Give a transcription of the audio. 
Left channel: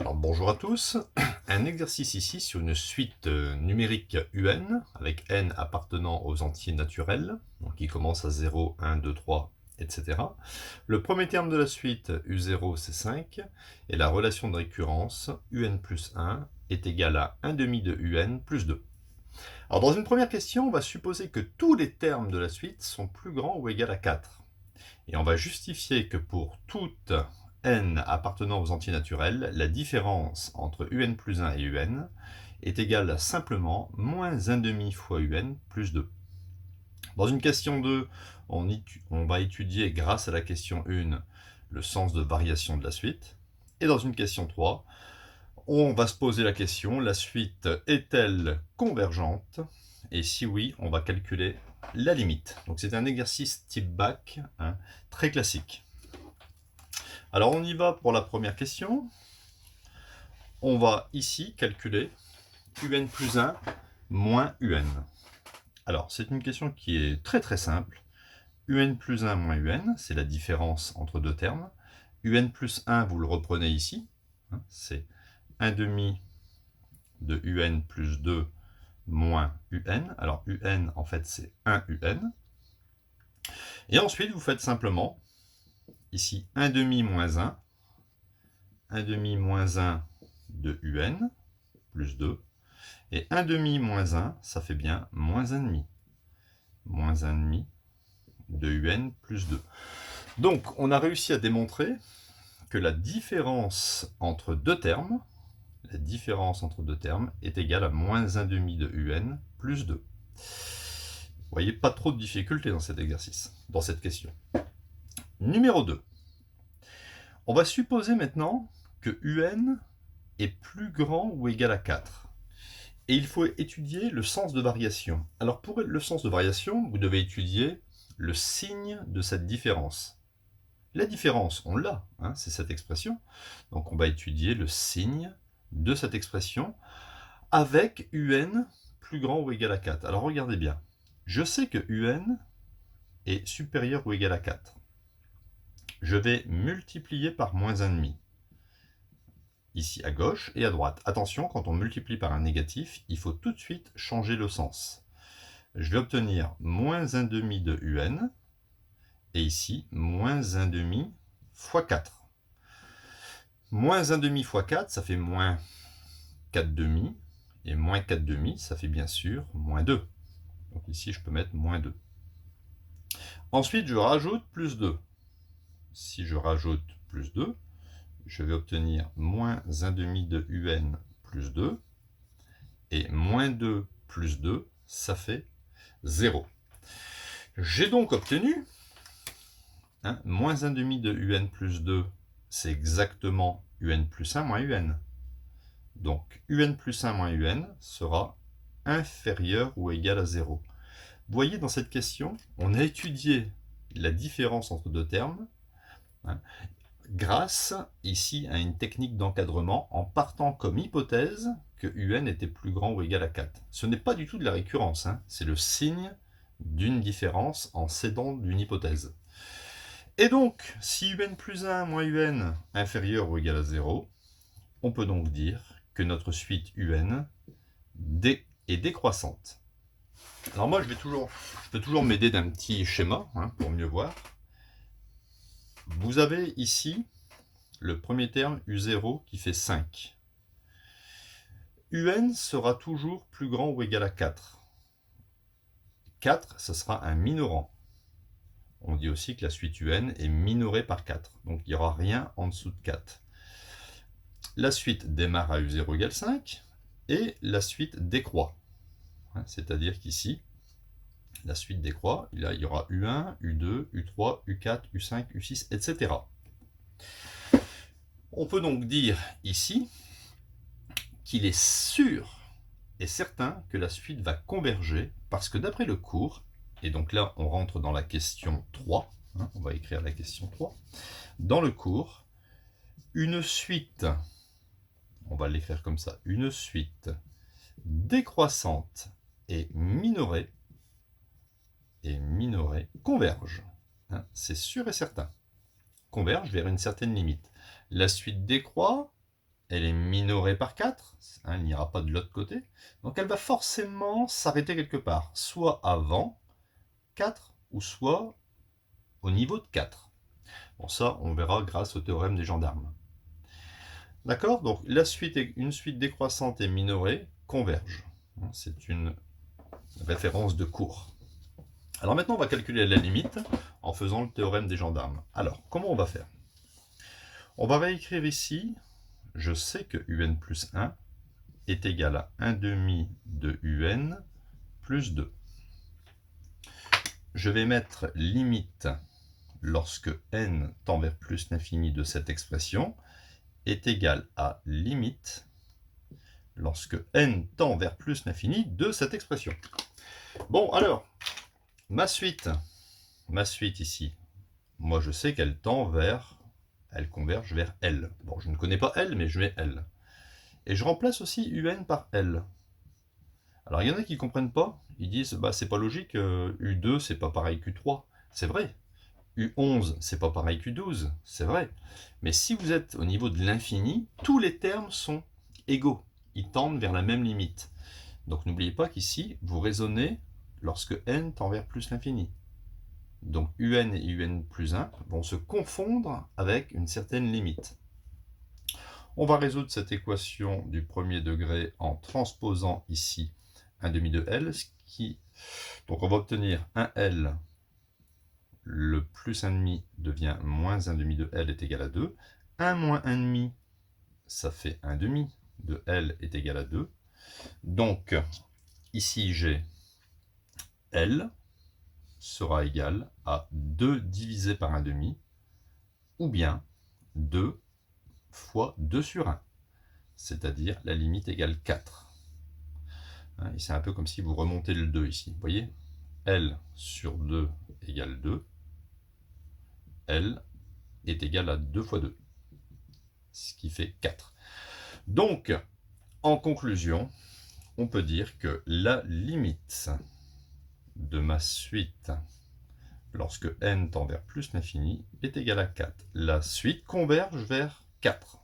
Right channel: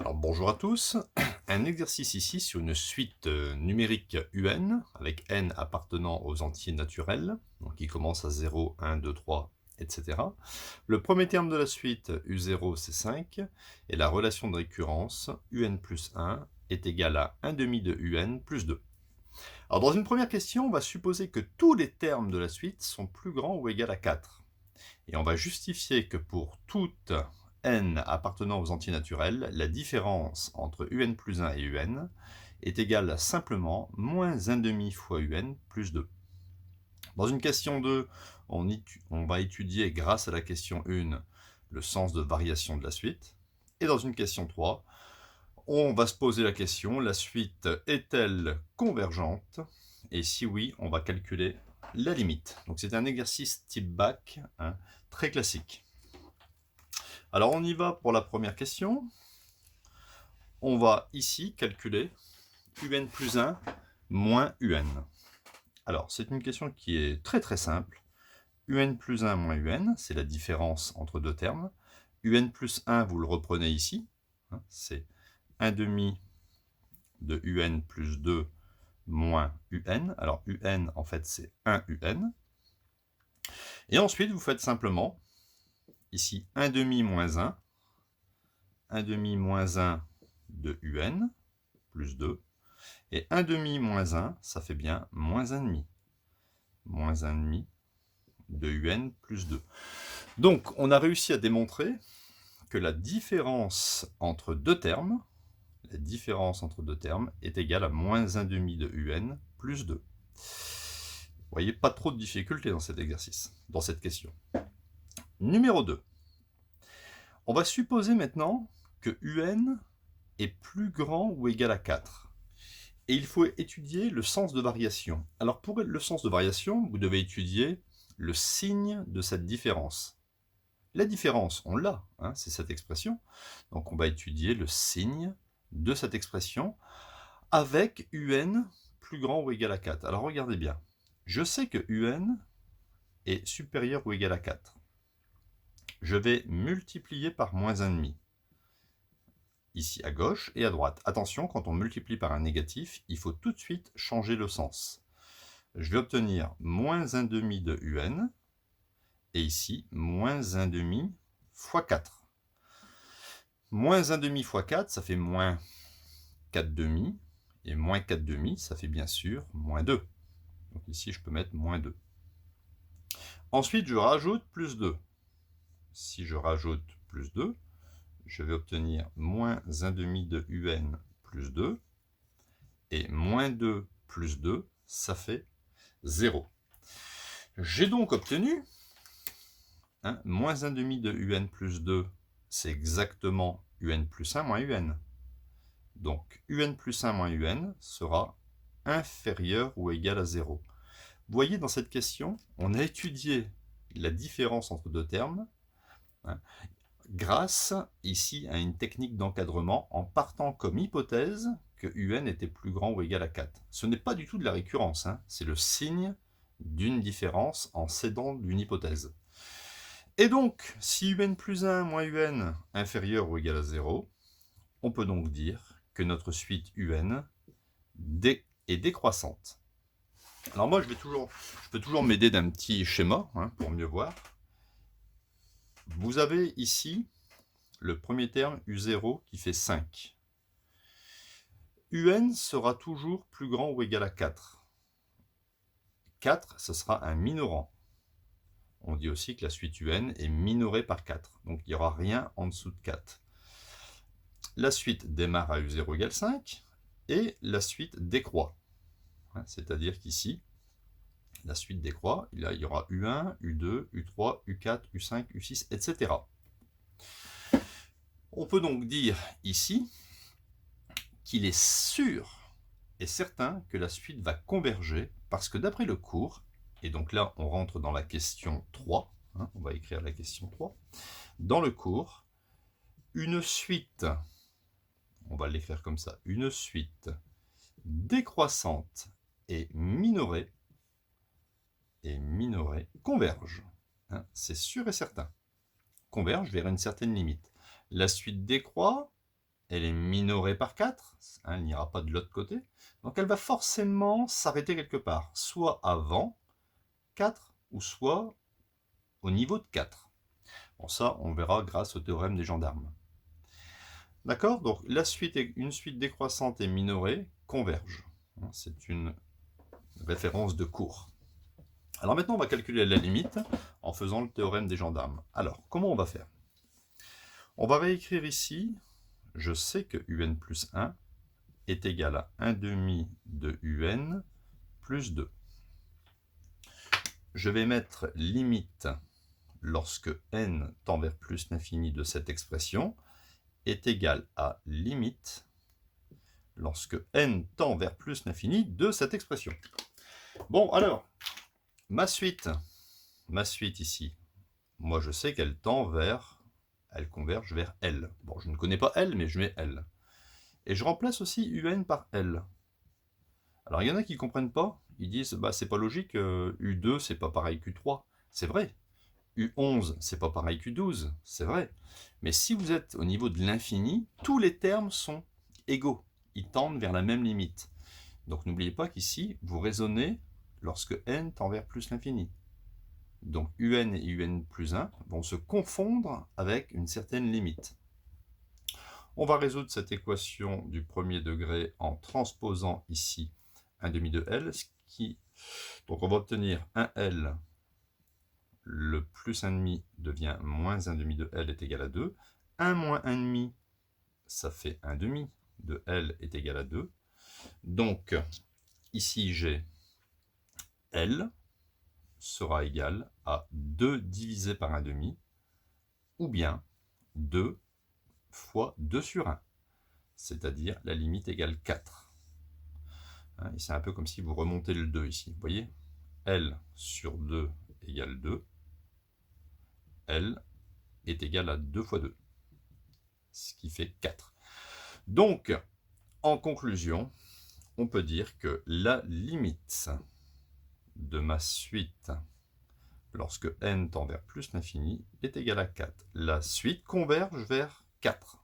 Alors bonjour à tous, un exercice ici sur une suite numérique UN avec n appartenant aux entiers naturels, donc qui commence à 0, 1, 2, 3, etc. Le premier terme de la suite U0 c'est 5 et la relation de récurrence UN plus 1 est égale à 1 demi de UN plus 2. Alors dans une première question, on va supposer que tous les termes de la suite sont plus grands ou égaux à 4. Et on va justifier que pour toute n appartenant aux entiers naturels, la différence entre un plus 1 et un est égale à simplement moins 1 demi fois un plus 2. Dans une question 2, on va étudier grâce à la question 1 le sens de variation de la suite. Et dans une question 3, on va se poser la question, la suite est-elle convergente? Et si oui, on va calculer la limite. Donc c'est un exercice type bac, hein, très classique. Alors on y va pour la première question. On va ici calculer un plus 1 moins un. Alors c'est une question qui est très très simple. Un plus 1 moins un, c'est la différence entre deux termes. Un plus 1, vous le reprenez ici, hein, c'est 1 demi de un plus 2 moins un. Alors un en fait c'est 1 un. Et ensuite vous faites simplement ici 1 demi moins 1, 1 demi moins 1 de un plus 2. Et 1 demi moins 1, ça fait bien moins 1 demi. Moins 1 demi de un plus 2. Donc on a réussi à démontrer que la différence entre deux termes, est égale à moins 1 demi de un plus 2. Vous voyez, pas trop de difficultés dans cet exercice, dans cette question. Numéro 2. On va supposer maintenant que un est plus grand ou égal à 4. Et il faut étudier le sens de variation. Alors pour le sens de variation, vous devez étudier le signe de cette différence. La différence, on l'a, hein, c'est cette expression. Donc on va étudier le signe de cette expression avec un plus grand ou égal à 4. Alors regardez bien. Je sais que un est supérieur ou égal à 4. Je vais multiplier par moins 1,5. Ici à gauche et à droite. Attention, quand on multiplie par un négatif, il faut tout de suite changer le sens. Je vais obtenir moins 1 demi de un, et ici, moins 1 demi fois 4. Moins 1 demi fois 4, ça fait moins 4 demi, et moins 4 demi, ça fait bien sûr moins 2. Donc ici, je peux mettre moins 2. Ensuite, je rajoute plus 2. Si je rajoute plus 2, je vais obtenir moins 1 demi de un plus 2, et moins 2 plus 2, ça fait 0. J'ai donc obtenu, hein, moins 1 demi de un plus 2, c'est exactement un plus 1 moins un. Donc un plus 1 moins un sera inférieur ou égal à 0. Vous voyez, dans cette question, on a étudié la différence entre deux termes, hein, grâce ici à une technique d'encadrement en partant comme hypothèse que un était plus grand ou égal à 4. Ce n'est pas du tout de la récurrence, hein, c'est le signe d'une différence en s'aidant d'une hypothèse. Et donc, si un plus 1 moins un inférieur ou égal à 0, on peut donc dire que notre suite un est décroissante. Alors moi, je peux toujours m'aider d'un petit schéma, hein, pour mieux voir. Vous avez ici le premier terme U0 qui fait 5. Un sera toujours plus grand ou égal à 4. 4, ce sera un minorant. On dit aussi que la suite un est minorée par 4. Donc il n'y aura rien en dessous de 4. La suite démarre à U0 égale 5 et la suite décroît. C'est-à-dire qu'ici, la suite décroît. Il y aura U1, U2, U3, U4, U5, U6, etc. On peut donc dire ici qu'il est sûr et certain que la suite va converger parce que d'après le cours, et donc là on rentre dans la question 3, hein, on va écrire la question 3, dans le cours, une suite, on va l'écrire comme ça, une suite décroissante et minorée converge. Hein, c'est sûr et certain. Converge vers une certaine limite. La suite décroît, elle est minorée par 4, hein, elle n'ira pas de l'autre côté, donc elle va forcément s'arrêter quelque part, soit avant 4, ou soit au niveau de 4. Bon, ça, on verra grâce au théorème des gendarmes. D'accord? Donc, une suite décroissante et minorée convergent. C'est une référence de cours. Alors maintenant, on va calculer la limite en faisant le théorème des gendarmes. Alors, comment on va faire? On va réécrire ici, je sais que un plus 1 est égal à 1 demi de un plus 2. Je vais mettre limite lorsque n tend vers plus l'infini de cette expression est égal à limite lorsque n tend vers plus l'infini de cette expression. Bon, alors, ma suite ici, moi je sais qu'elle elle converge vers L. Bon, je ne connais pas L, mais je mets L. Et je remplace aussi un par L. Alors, il y en a qui ne comprennent pas. Ils disent, bah, c'est pas logique, U2, c'est pas pareil qu'U3. C'est vrai. U11, c'est pas pareil qu'U12. C'est vrai. Mais si vous êtes au niveau de l'infini, tous les termes sont égaux. Ils tendent vers la même limite. Donc, n'oubliez pas qu'ici, vous raisonnez lorsque n tend vers plus l'infini. Donc, un et un plus 1 vont se confondre avec une certaine limite. On va résoudre cette équation du premier degré en transposant ici un demi de L, donc on va obtenir un L, le plus 1,5 devient moins 1 demi de L est égal à 2. 1 moins 1 demi, ça fait 1 demi de L est égal à 2. Donc, ici j'ai L sera égal à 2 divisé par 1 demi, ou bien 2 fois 2 sur 1, c'est-à-dire la limite égale 4. Et c'est un peu comme si vous remontez le 2 ici. Vous voyez, L sur 2 égale 2. L est égal à 2 fois 2, ce qui fait 4. Donc, en conclusion, on peut dire que la limite de ma suite lorsque n tend vers plus l'infini est égale à 4. La suite converge vers 4.